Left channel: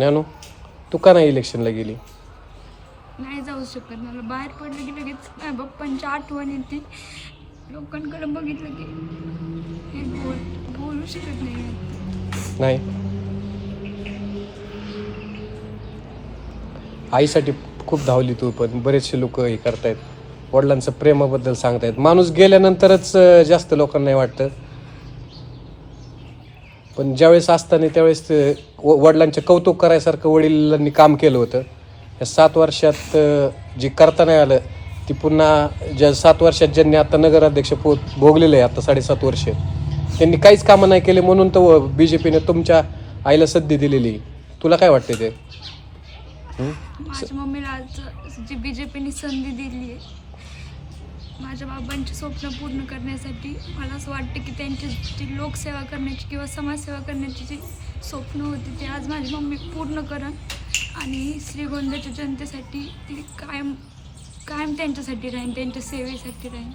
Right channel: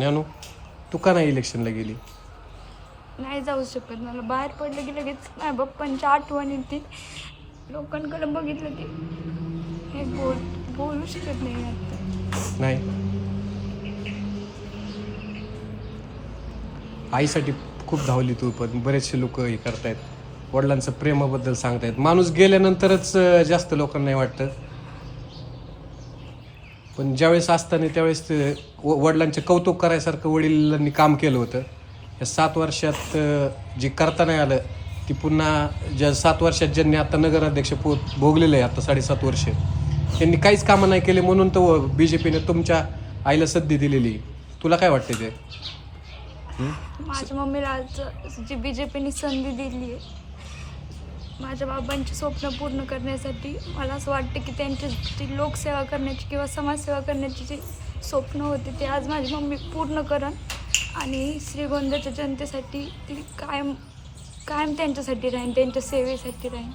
ज्ञानू तू का नाही इलेक्शनला गेली? नाही जाऊ शकत. मला बाहेर पडलं की लगेच माझ्या पप्पांची आठवण येते लोकांकडे बघितलं की हे बोल बोलू शकत नाही आता. नाही. आईसाठी खूप धावली तू पण बरेचसे लोक हे करतायत. वडिलांचं प्रेमाबद्दल सांगतायत. माणूस गेल्यानंतरच जास्त लोकांना नाही वाटतं. पण ज्यावेळेस असताना त्यावेळेस ते व- वडिलांचे कौतुक करायसारखं वडिलांनी काम केलं होतं. या सात वर्षात जे करता नाही आलं ती पुन्हा ज्या सात वर्षात ज्यांनी आता नगराध्यक्ष पो भोगलेलं आहे आता साडेसात वर्ष त्यांनी काहीच कामं नाही केले म्हणून तर बी जे पीने तुमच्या आईला संधी दिलेली. तुला काय वाटते ते? माझ्या मम्मीला आज जी बी जे पीने संधी दिली आहे माझ्या बाबांची स्वप्न पूर्ण करण्यासाठी मला असं वाटतं की त्यांची जी लोकसेवा करण्याची किंवा समाजसेवा करण्याची जी स्वप्न होती ते आज माझी मम्मी पूर्ण करण आणि श्रीगोंद्याच्या जनतेसाठी ती कायम कायम त्यांच्यासाठी राहीन त्यांच्या सेवेसाठी राहीन.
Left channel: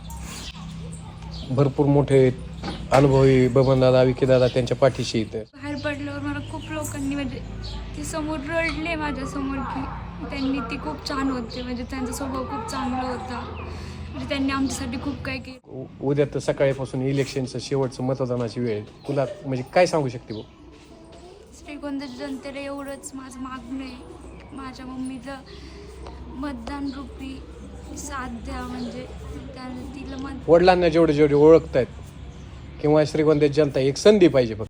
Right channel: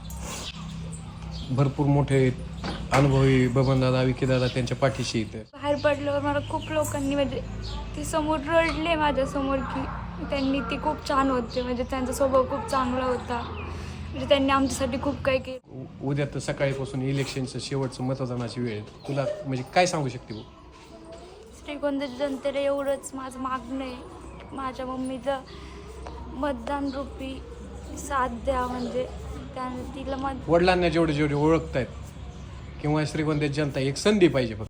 भरपूर मोठे अनुभवी बबनदादा विकीदादा त्यांच्या पाठीशी इथे. बाहेर पडल्यावर मला खूप लोकांनी म्हणजे ते समोर रडले माझ्यासमोर की त्यांनी ती खूप छान होते म्हणजे त्यांचा स्वभाव खूप चांगला होता. म्हणजे त्यांनी आमच्यासाठी खूप काही केलं. उ- उद्या तर सकाळपासून इलेक्शनचं शेवटचं मतदानाची वेळ आहे. तुला म्हणजे काय सांगू शकते बघ? श्रीगोंद्याच्या जनतेला एवढंच माझं मागणं आहे. माझ्या मम्मीचं मतदान रूपी साथ द्या म्हणजे त्याने तिला मत वडिलांना जेवढे जेवढे ओळखतायत किंवा श्रीगोंद्यात जनता एक संधी पाहिजे फक्त.